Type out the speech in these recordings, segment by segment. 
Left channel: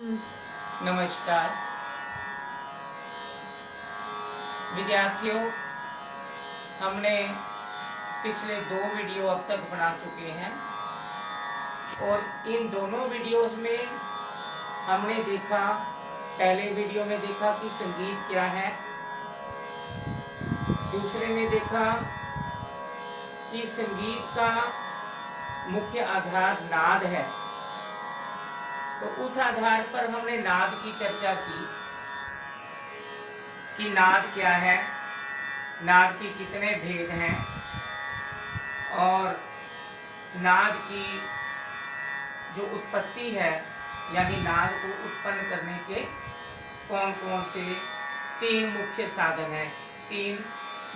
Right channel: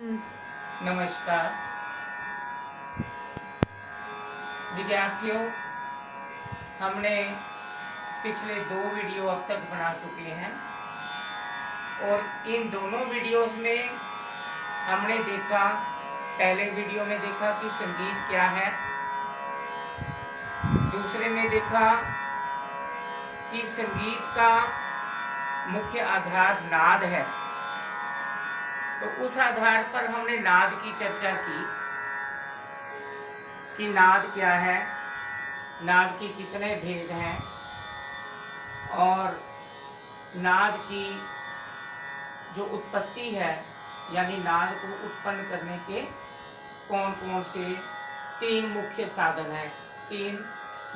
नमस्कार विद्यार्थियों, हमने पिछले 2 वीडियो अब तक बना चुके हैं और इन दोनों वीडियोस में हमने देखा, पहले वीडियो में देखा कि संगीत क्या है, दूसरे में देखा कि संगीत का मुख्य आधार नाद है। तो उस आधार पर हमने नाद की चर्चा की कि नाद क्या है, नाद के कितने भेद हैं और नाद की जो उत्पत्ति है यानी नाद को उत्पन्न करने के कौन कौन से 3 मुख्य साधन हैं, 3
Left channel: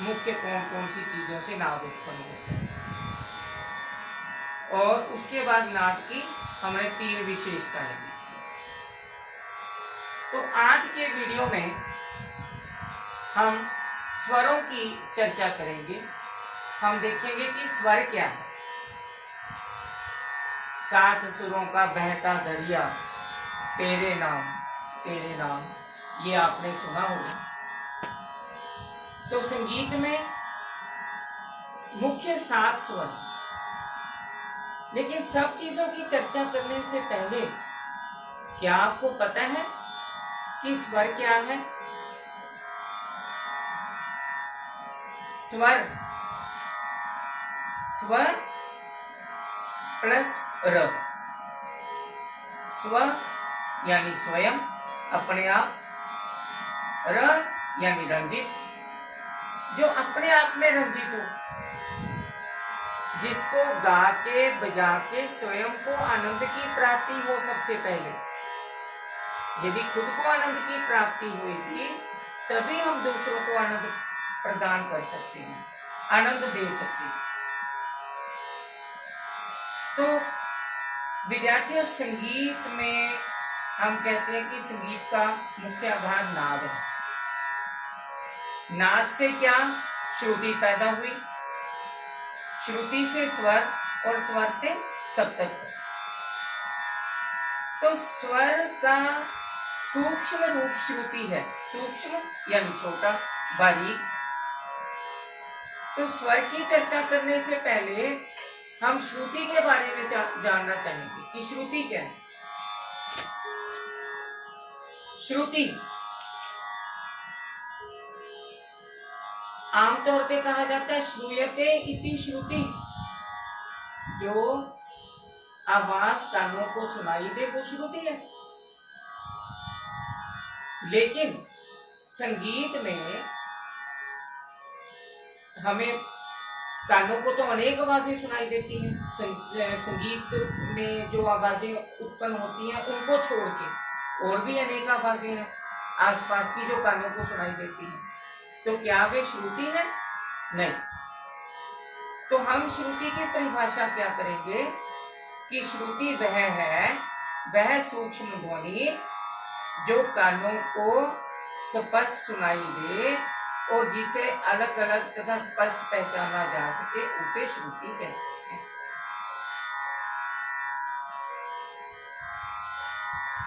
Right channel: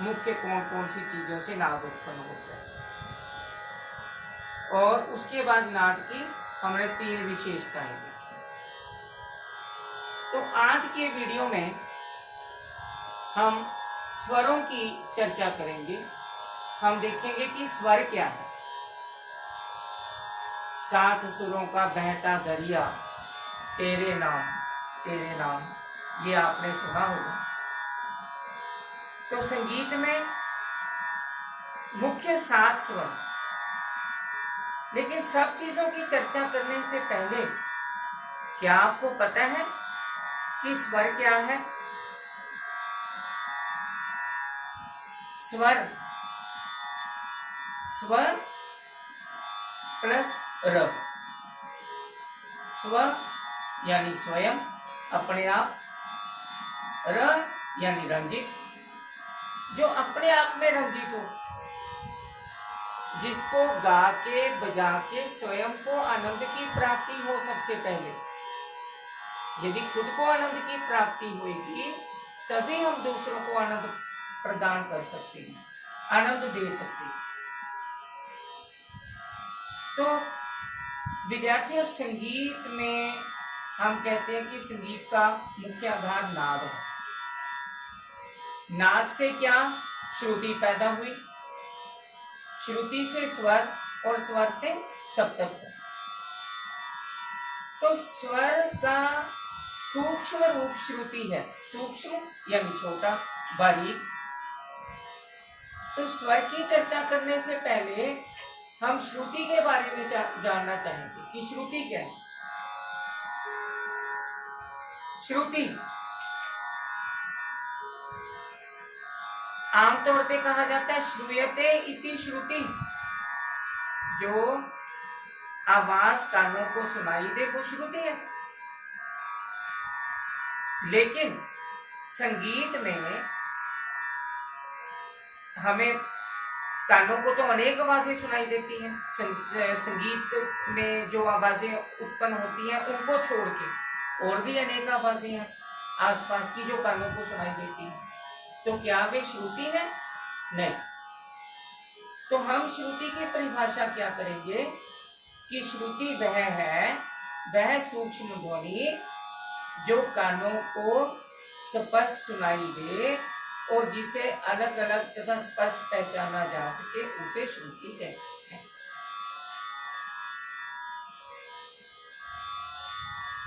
मुख्य कौन कौन सी चीज़ों से नाद उत्पन्न होता है। और उसके बाद नाद की हमने 3 विशेषताएं देखी। तो आज के वीडियो में हम स्वरों की चर्चा करेंगे। हम देखेंगे कि स्वर क्या है। 7 सुरों का बहता दरिया, तेरे नाम, ये आपने सुना होगा। तो संगीत में मुख्य 7 स्वर, लेकिन सब चीजों की चर्चा करने से पहले क्या आपको पता है कि स्वर क्या है? स्वर प्लस र। स्व यानी स्वयं, अपने आप। र यानी रंजित, जो अपने आप में रंजित हो, जिसको गा के बजा के स्वयं को आनंद की प्राप्ति हो। सबसे पहले यदि खुद को आनंद की प्राप्ति होगी तभी हम दूसरों को आनंद प्रदान कर सकते हैं, आनंद दे सकते हैं। तो विद्यार्थियों, संगीत में हम कहते हैं कि संगीत का मुख्य आधार नाद है। नाद से क्या? श्रुति पैदा हुई, श्रुति से स्वर और स्वर से सप्तक। तो स्वर का सूक्ष्म रूप श्रुति है। सूक्ष्म यानी छोटा, बारीक। तो स्वर की चर्चा करने से पहले हम श्रुति के बारे में जानना चाहेंगे कि श्रुति क्या है। श्रुति आमतौर पे कहा जाता है श्रूयते इति श्रुति, जो आवाज कानों को सुनाई दे वो श्रुति है। लेकिन संगीत में हमें कानों को तो अनेक आवाजें सुनाई देती हैं। संगीत में जो आवाजें उत्पन्न होती हैं उनको छोड़ के और भी अनेक आवाजें हैं आसपास की जो कानों को सुनाई देती हैं। तो क्या वे श्रुति है? नहीं। तो हम श्रुति की परिभाषा क्या करेंगे कि श्रुति वह है, वह सूक्ष्म ध्वनि जो कानों को स्पष्ट सुनाई दे और जिसे अलग अलग तथा स्पष्ट पहचाना जा सके, उसे श्रुति कहते हैं।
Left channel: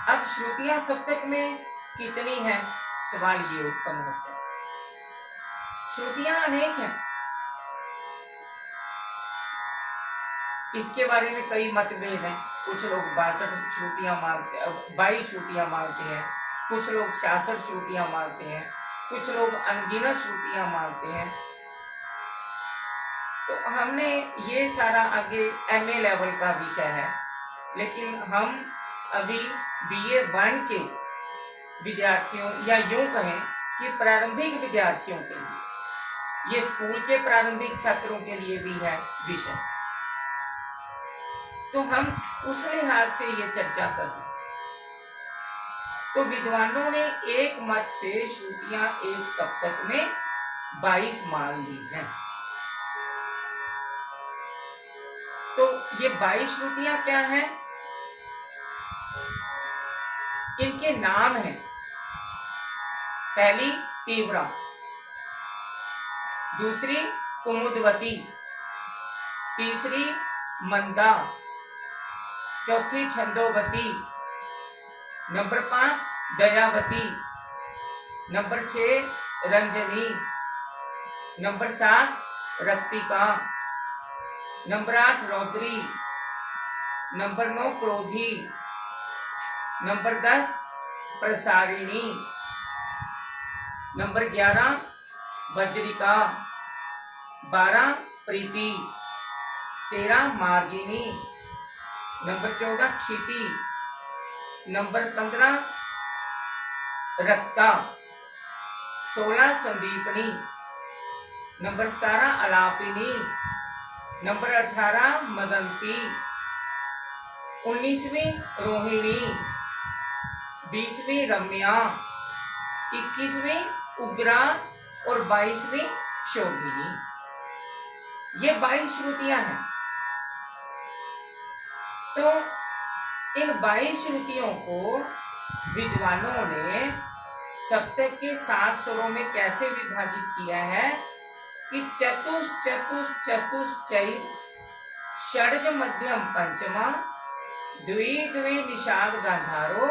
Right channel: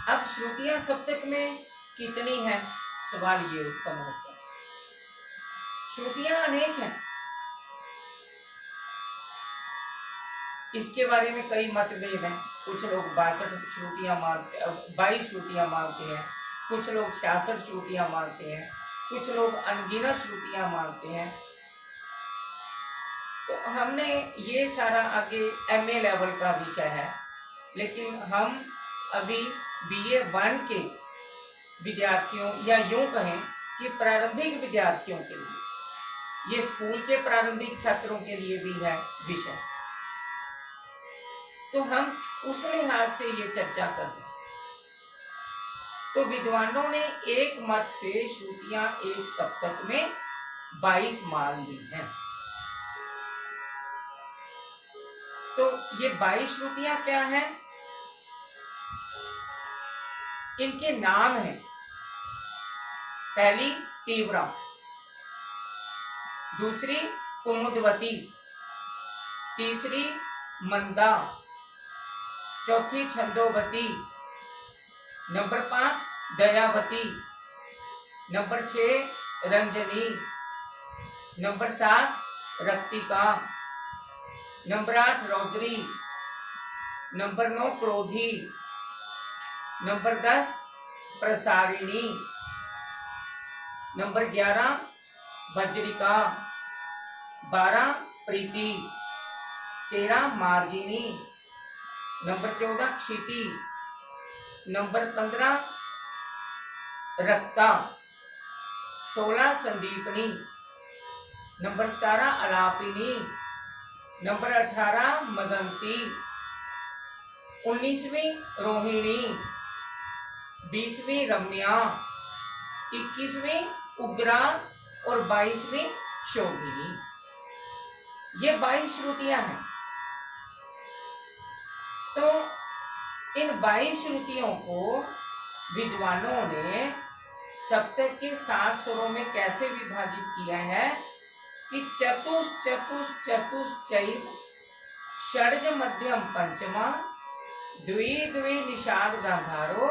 अब श्रुतियां सप्तक में कितनी हैं, सवाल ये उत्पन्न होता है। श्रुतियां अनेक हैं, इसके बारे में कई मतभेद हैं। कुछ लोग 62 श्रुतियां मानते, 22 श्रुतियां मानते हैं, कुछ लोग 66 श्रुतियां मानते हैं, कुछ लोग अनगिनत श्रुतियां मानते हैं। तो हमने ये सारा आगे MA लेवल का विषय है, लेकिन हम अभी BA 1 के विद्यार्थियों या यूं कहें कि प्रारंभिक विद्यार्थियों के लिए, ये स्कूल के प्रारंभिक छात्रों के लिए भी है विषय। तो हम उस लिहाज से ये चर्चा कर रहे हैं। तो विद्वानों ने एक मत से श्रुतियां एक सप्तक में 22 मान ली हैं। तो ये 22 श्रुतियां क्या हैं? इनके नाम हैं। पहली तीव्रा, दूसरी कुमुदवती, तीसरी मंदा, चौथी छंदोवती, नंबर 5 दयावती, नंबर 6 रंजनी, नंबर 7 रक्तिका, नंबर 8 रौद्री, नंबर 9 क्रोधी, नंबर 10 प्रसारिणी, नंबर 11 वज्रिका, 12 प्रीति, 13 मार्जिनी, नंबर 14 क्षिति, नंबर 15 रक्ता, 16 संदीपनी, नंबर 17 अलापिनी, नंबर 18 मदंती, 19वीं रोहिणी, 20वीं रम्या, 21वीं उग्रा और 22वीं क्षोभिनी। ये 22 श्रुतियां हैं। तो इन 22 श्रुतियों को विद्वानों ने सप्तक के 7 स्वरों में कैसे विभाजित किया है कि चतुष चतुष चतुश्चैव षड्ज मध्यम पंचमा द्वि द्वि निषाद गांधारो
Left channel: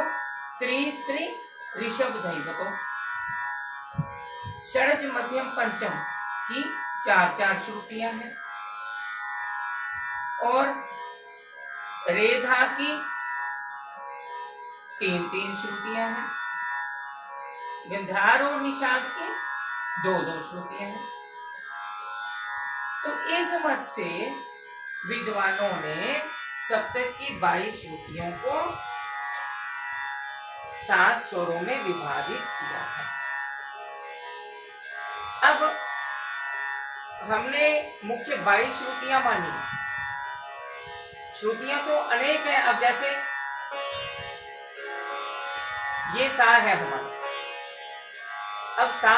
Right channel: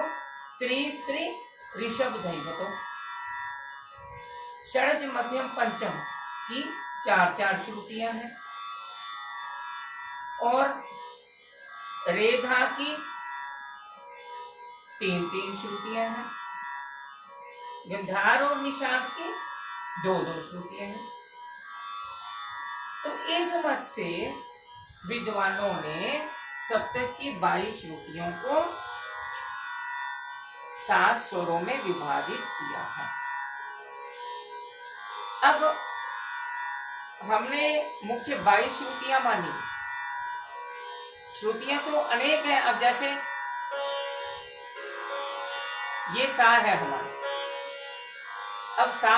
त्रिस्त्री ऋषभ दैवतो। षड्ज मध्यम पंचम की 4-4 श्रुतियां हैं और रेधा की 3-3 श्रुतियां हैं, गंधार और निषाद की 2-2 श्रुतियां हैं। तो इस मत से विद्वानों ने सप्तक की 22 श्रुतियों को 7 स्वरों में विभाजित किया है। अब हमने मुख्य 22 श्रुतियां मानी। श्रुतियां तो अनेक हैं। अब जैसे ये सा है हमारा, अब सा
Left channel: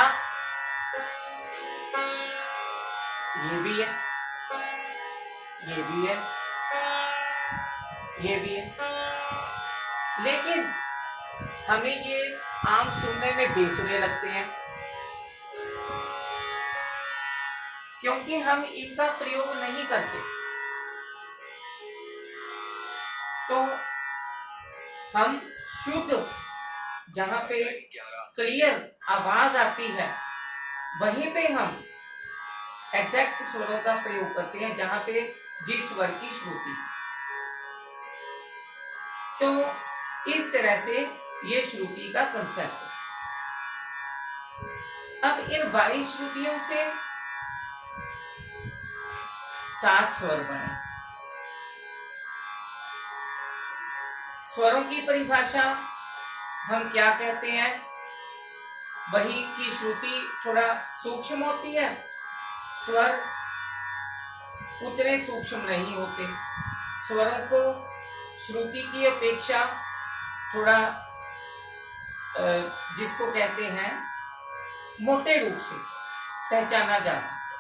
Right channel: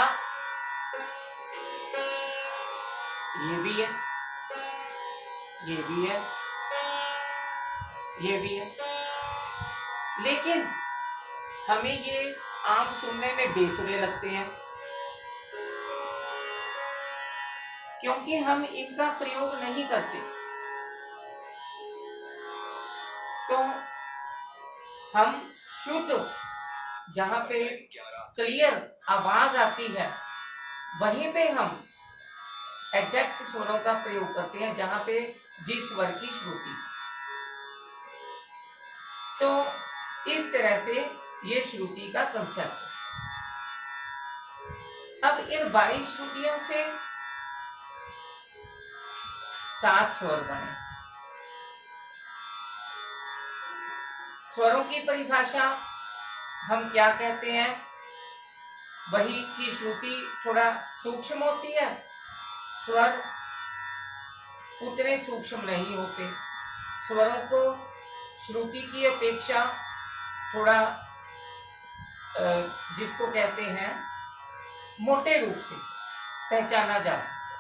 ये भी है, ये भी है, ये भी है, लेकिन हमें ये आम सुनने में बेसुरे लगते हैं क्योंकि हम इनका प्रयोग नहीं करते। तो हम शुद्ध जहां पे क्लियर आवाज आती है वहीं पे हम एग्जैक्ट स्वरों का प्रयोग करते हैं, जहां पे जिस स्वर की श्रुति। तो इस तरह से ये श्रुति का कंसेप्ट है। अब इन 22 श्रुतियों से 7 स्वर बने। स्वरों की परिभाषा हम क्या कहते हैं, वही की श्रुति थोड़ा सूक्ष्म होती है, स्वर उतने सूक्ष्म नहीं होते। स्वरों को श्रुति की अपेक्षा थोड़ा जिसको कहते हैं मोटे रूप से पहचाना जा सकता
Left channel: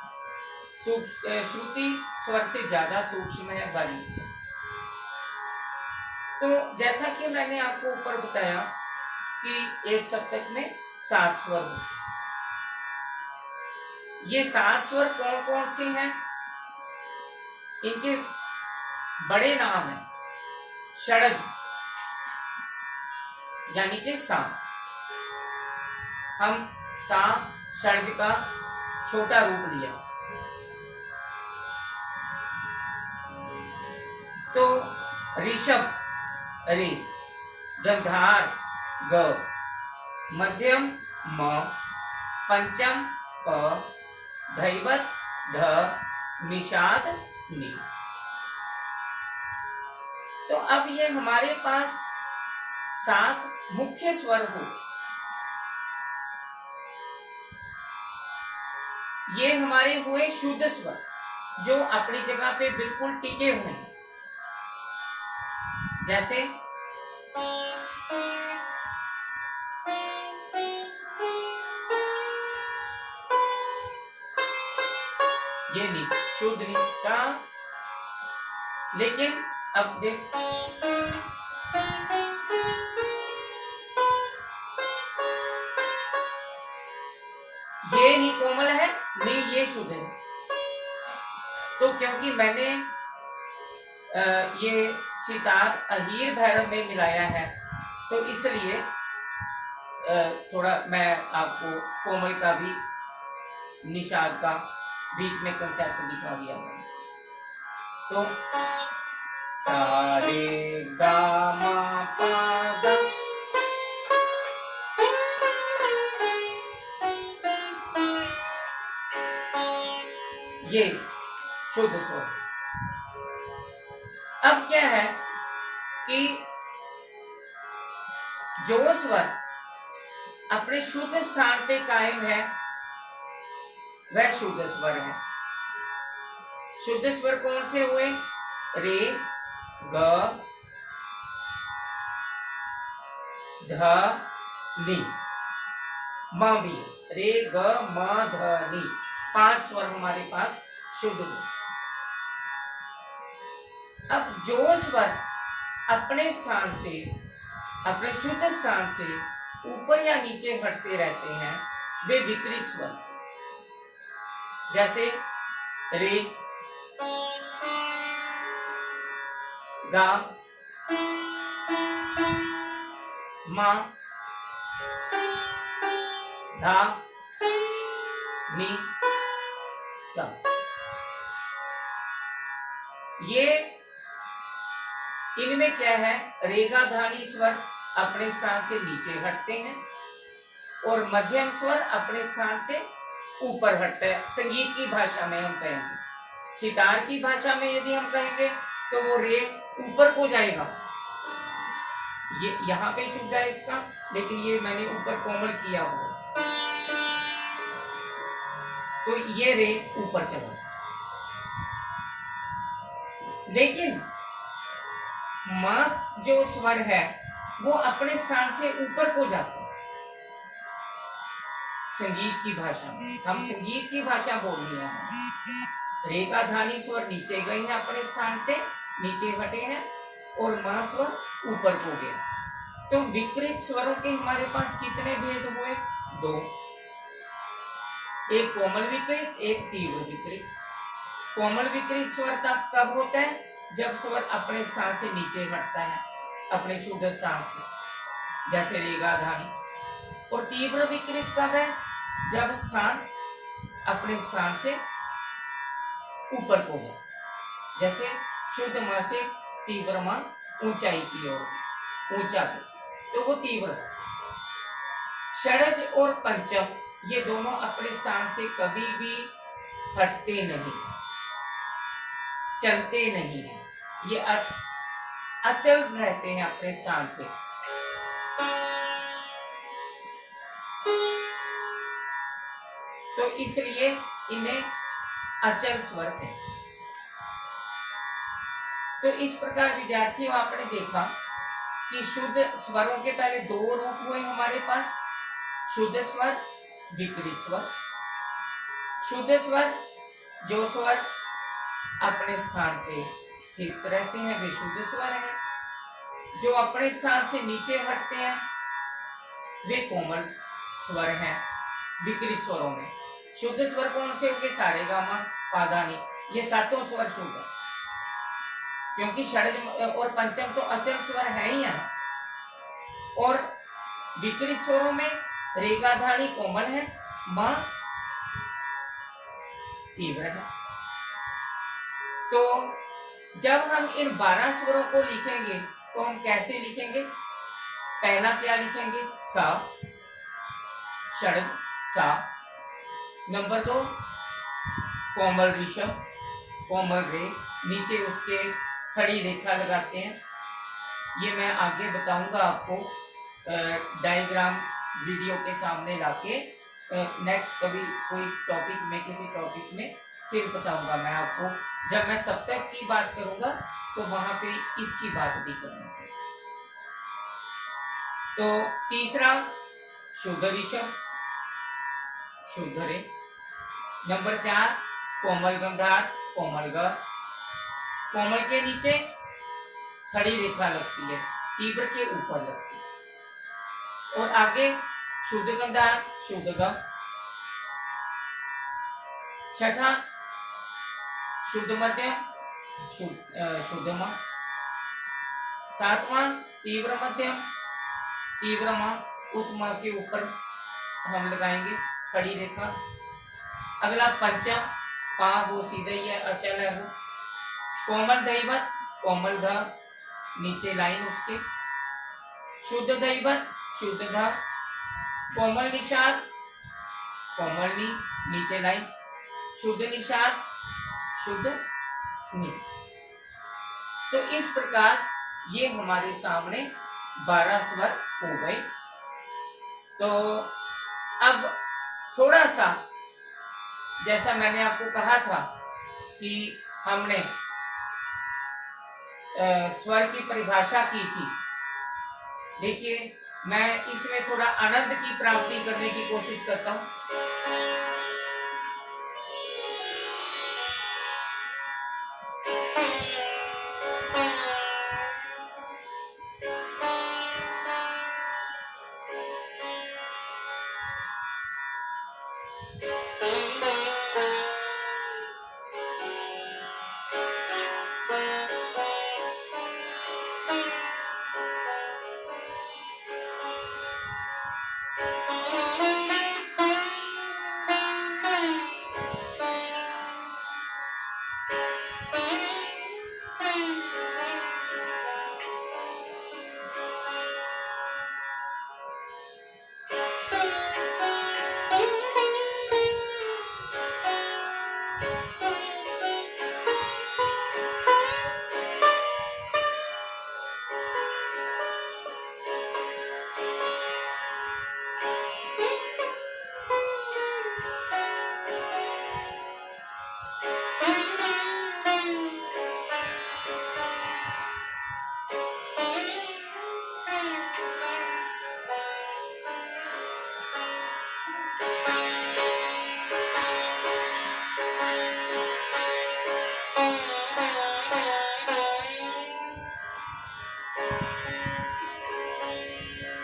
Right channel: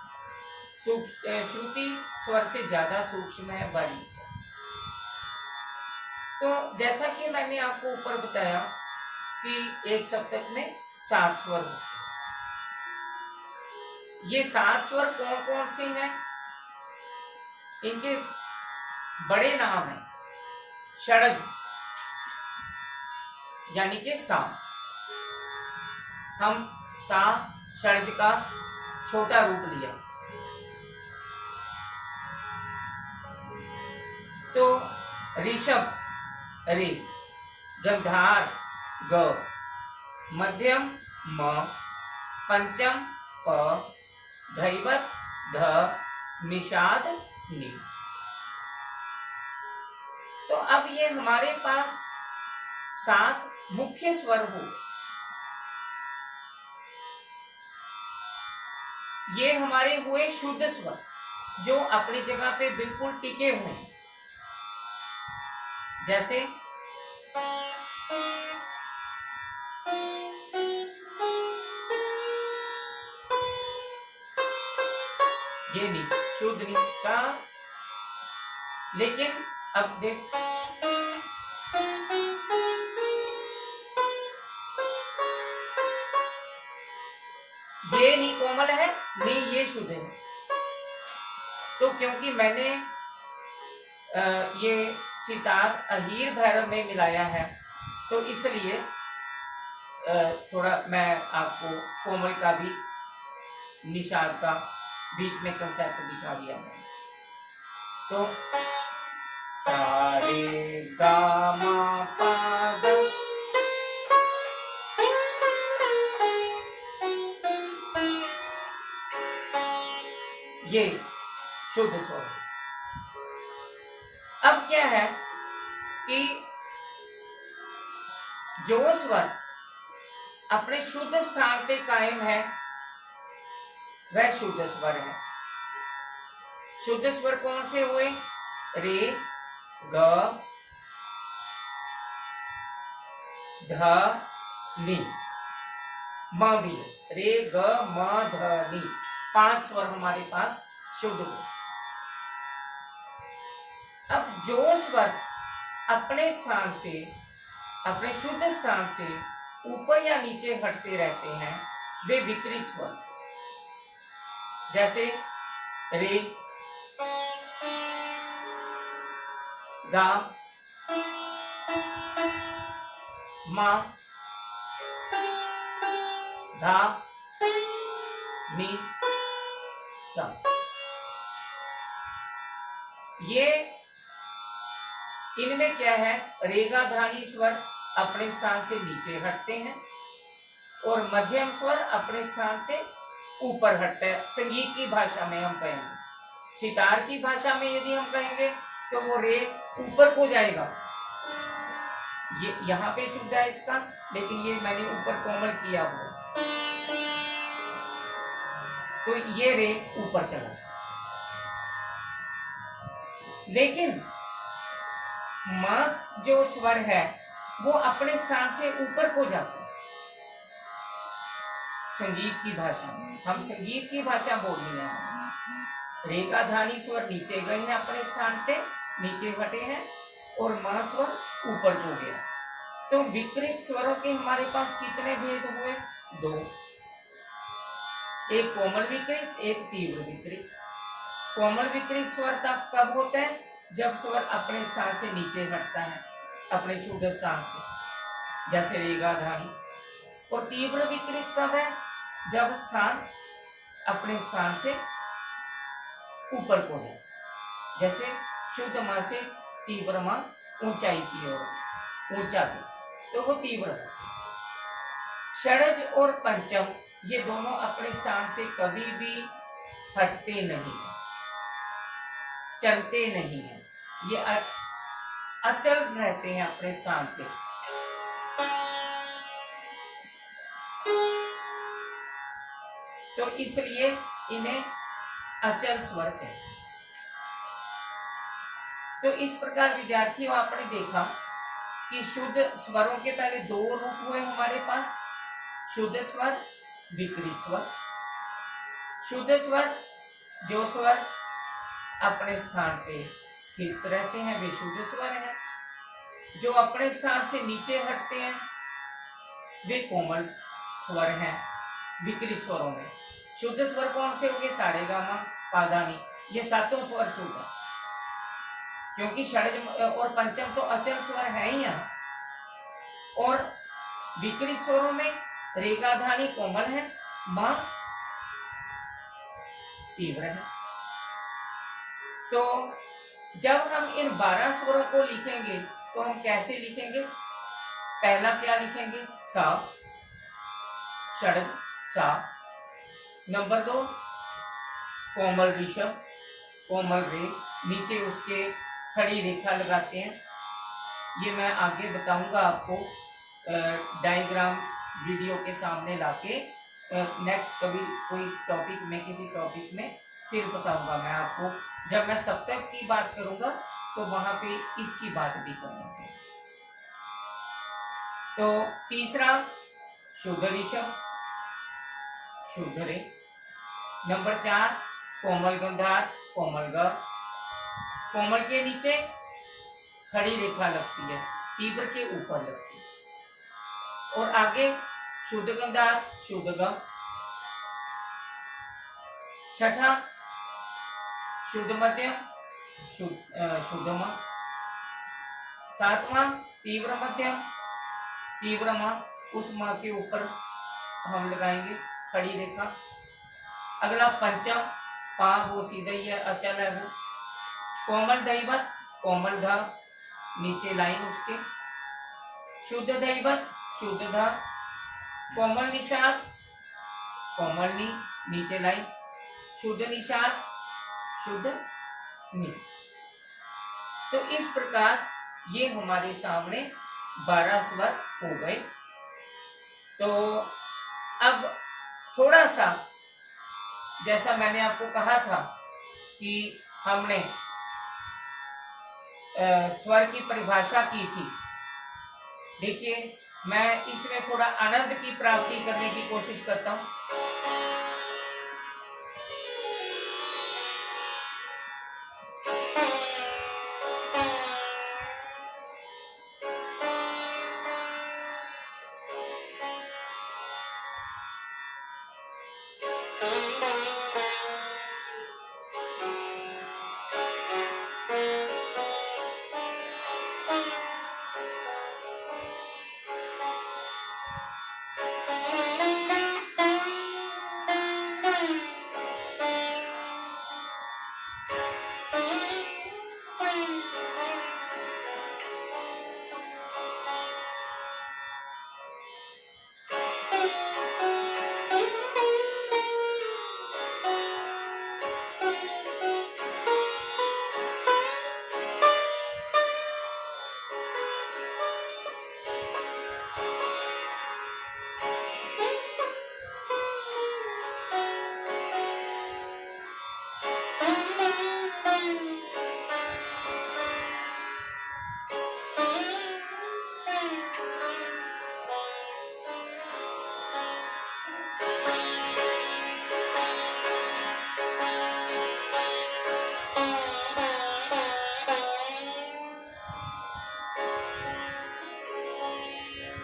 है। श्रुति स्वर से ज्यादा सूक्ष्म है, बारीक है। तो जैसा कि मैंने आपको ऊपर बताया कि एक सप्तक में 7 स्वर होते हैं। ये 7 स्वर कौन कौन से हैं, इनके बड़े नाम हैं। षड्ज यानी कि सा, हम सा षड्ज का छोटा रूप लिया। तो ऋषभ रे, गंधार ग, मध्यम म, पंचम प, धैवत ध, निषाद नि। तो अब ये हमारे पास 7 मुख्य स्वर हो, ये हमारे हुए शुद्ध स्वर जो अपनी जगह पे बिल्कुल टिके हुए हैं। जैसे ये नी शुद्ध नी सा, लेकिन अब देख ये नी कोमल है, नी ये शुद्ध है। तो क्योंकि मैंने ये सितार अहीर भैरव में मिलाया है, तो इसलिए थोड़ा मैं आपको कोमल का भी, निषाद का बीच में कंसेप्ट दिखा दिया मैंने। तो सारे गा मा पा धा, ये शुद्ध स्वर। अब क्या है कि जो स्वर अपने शुद्ध स्थान पे कायम है वह शुद्ध स्वर है। शुद्ध स्वर कौन से हुए? रे, ग, ध, नी, म भी। रे, ग, म, ध, नी, 5 स्वर हमारे पास शुद्ध हुए। अब जो स्वर अपने स्थान से, अपने शुद्ध स्थान से ऊपर या नीचे हटते रहते हैं वे विकृत स्वर। जैसे रे, गा, मा, धा, नी, सा। ये इनमें क्या है? रेगा धानी स्वर अपने स्थान से नीचे हटते हैं और मध्यम स्वर अपने स्थान से ऊपर हटता है। संगीत की भाषा में हम कहेंगे, सितार की भाषा में यदि हम कहेंगे तो वो रे ऊपर को जाएगा। ये यहाँ पे शुद्ध है इसका, लेकिन ये मैंने ऊपर कोमल किया हुआ, तो ये रे ऊपर चला। लेकिन म जो स्वर है वो अपने स्थान से ऊपर को जाता है। संगीत की भाषा में, हम संगीत की भाषा बोलनी है। रे का धानी स्वर नीचे गए हैं, अपने स्थान से नीचे हटे हैं, और म स्वर ऊपर को गया। तो विकृत स्वरों के हमारे पास कितने भेद हुए? 2। एक कोमल विकृत, एक तीव्र विकृत। कोमल विकृत स्वर तब कब होता है? जब स्वर अपने स्थान से नीचे हटता है, अपने शुद्ध स्थान से, जैसे रेगा धानी। और तीव्र विकृत कब है? जब स्थान अपने स्थान से ऊपर को जाए, जैसे शुद्ध मां से तीव्र मां ऊंचाई की ओर, ऊंचा के, तो वो तीव्र। षडज और पंचम ये दोनों अपने स्थान से कभी भी हटते नहीं, चलते नहीं हैं, ये अचल रहते हैं अपने स्थान पे। तो इसलिए इन्हें अचल स्वर कहते हैं। तो इस प्रकार विद्यार्थियों, आपने देखा कि शुद्ध स्वरों के पहले 2 रूप हुए हमारे पास, शुद्ध स्वर, विकृत स्वर। शुद्ध स्वर, जो स्वर अपने स्थान पे स्थित रहते हैं वे शुद्ध स्वर हैं। जो अपने स्थान से नीचे हटते हैं वे कोमल स्वर हैं। विकृत स्वरों में शुद्ध स्वर कौन से होंगे? सारे गामा पा धा नी, ये 7 स्वर शुद्ध है, क्योंकि षडज और पंचम तो अचल स्वर है ही यहाँ। और विकृत स्वरों में रेगा धानी कोमल है, मां तीव्र है। तो जब हम इन 12 स्वरों को लिखेंगे तो हम कैसे लिखेंगे? पहला क्या लिखेंगे? सा, षडज सा। नंबर 2 कोमल ऋषभ, कोमल रे, नीचे उसके खड़ी रेखा लगाते हैं। ये मैं आगे बताऊंगा आपको, डायग्राम वीडियो के सामने लाके नेक्स्ट कभी कोई टॉपिक में, किसी टॉपिक में फिर बताऊंगा मैं आपको। जब मैं सप्तक की बात करूंगा तो वहां पे इसकी बात भी करना है। तो तीसरा शुद्ध ऋषभ, शुद्ध रे। नंबर 4 कोमल गंधार, कोमल ग। कोमल के नीचे खड़ी रेखा लगती है, तीव्र के ऊपर लगती है। और आगे शुद्ध गंधार, शुद्ध ग। छठा शुद्ध मध्यम, शुद्ध म। 7वां तीव्र मध्यम, तीव्र माँ, उस माँ के ऊपर हम लगाएंगे खड़ी रेखा। अगला पंचम, पा वो सीधा ही है, अचल है वो। कोमल दैवत, कोमल ध, नीचे लाइन उसके। शुद्ध दैवत, शुद्ध ध। कोमल निषाद, कोमल नी, नीचे लाइन। शुद्ध निषाद, शुद्ध नी। तो इस प्रकार ये हमारे सामने 12 स्वर हो गए। तो अब थोड़ा सा, जैसा मैंने आपको कहा था कि हमने स्वर की परिभाषा की थी, देखिए मैं इसमें थोड़ा आनंद की प्राप्ति करने की कोशिश करता हूं।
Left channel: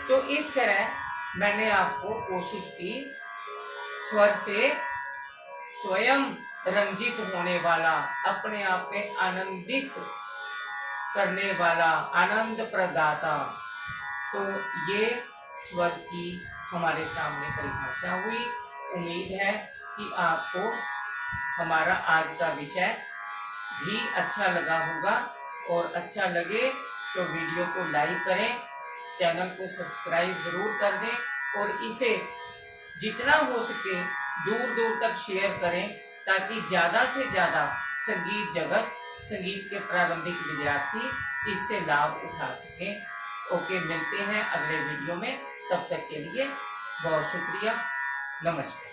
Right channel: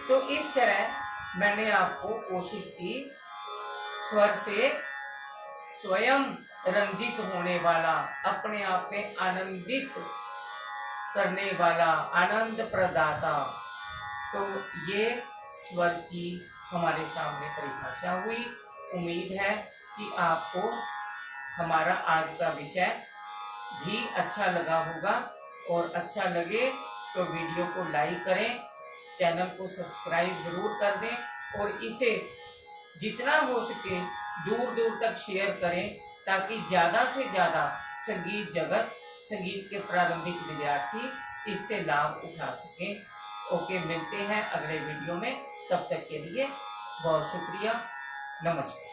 तो इस तरह मैंने आपको कोशिश की स्वर से स्वयं रंजित होने वाला, अपने आप में आनंदित करने वाला, आनंद प्रदाता। तो ये स्वर की हमारे सामने परिभाषा हुई। उम्मीद है कि आपको हमारा आज का विषय भी अच्छा लगा होगा, और अच्छा लगे तो वीडियो को लाइक करें, चैनल को सब्सक्राइब जरूर कर दें, और इसे जितना हो सके दूर दूर तक शेयर करें, ताकि ज़्यादा से ज़्यादा संगीत जगत, संगीत के प्रारंभिक विद्यार्थी इससे लाभ उठा सकें। ओके, मिलते हैं अगले वीडियो में। तब तक के लिए बहुत शुक्रिया। नमस्कार।